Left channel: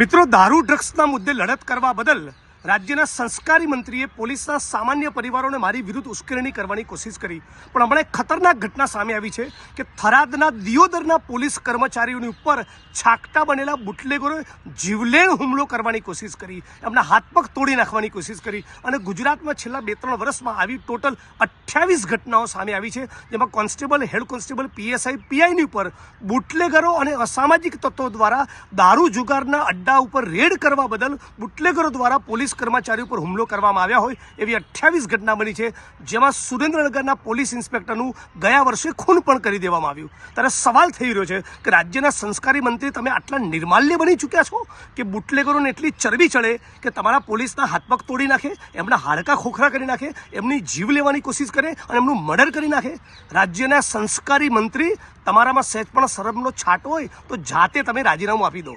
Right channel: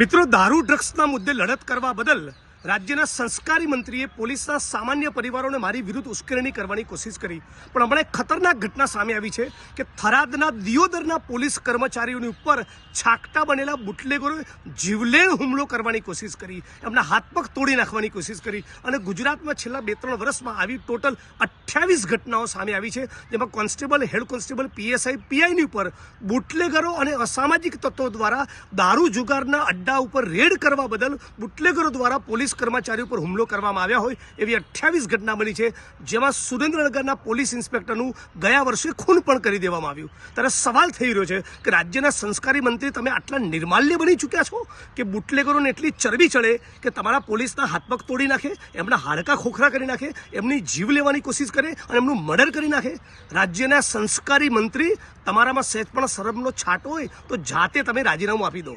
મિત્રો, દારૂ ડ્રગ્સના મુદ્દે લડત કરવા બદલ રાજ્યના સંસ્કારી મંત્રીએ પોલીસના સામાન્ય પરિવારોને મારી વિરુદ્ધ ઉશ્કેરણી કરવાની કોશિશ કરી, પણ હમણાં એક ખતરનાક ઘટના સામે આવી છે કે થરાદના દિયોદરના પોલીસ કર્મચારીઓની ઉપર છાકટા બનેલા બુટલેગરોએ જીવલેણ હુમલો કરવાની કોશિશ કરી, એમના હાથ પગ તોડી નાખવાની કોશિશ કરી અને ગુજરાતમાં છેલ્લા 2-3 વર્ષમાં આવી ટોટલ 28 ઘટનાઓ સામે આવી છે, જેમાં કોન્સ્ટેબલ, હેડ કોન્સ્ટેબલ, પીએસઆઈ, પીઆઈની ઉપર બુટલેગરો અને અસામાજિક તત્વો દ્વારા દારૂ જુગારના અડ્ડા ઉપર રેડ કરવા બદલ બુટલેગરો દ્વારા પોલીસ કર્મચારી ઉપર હુમલો કરવામાં આવ્યા હોય એવી 28 ઘટના બની છે, જેમાં સુરેન્દ્રનગરના પોલીસ ઇન્સ્પેક્ટરનું ગયા વર્ષે ખૂન પણ કરી દેવામાં આવ્યું। ત્યારે સવાલ થઈ રહ્યો છે કે રાજ્યના સંસ્કારી મંત્રી, તમે આટલા નિર્માલ્ય બની ચૂક્યા છો કે બુટલેગરોને એટલી ચરબી ચડે કે તમારા પોલીસના હાથ પગ તોડી નાખે, એમના હાડકા ખોખરા કરી નાખે, એમની જીવ લેવાની કોશિશ કરે અને એમનું મર્ડર કરી નાખે। રાજ્યના સંસ્કારી મંત્રી, તમારામાં સહેજ પણ શરમનો છાંટ હોય તો જાતે તમે રાજીનામું આપી દો।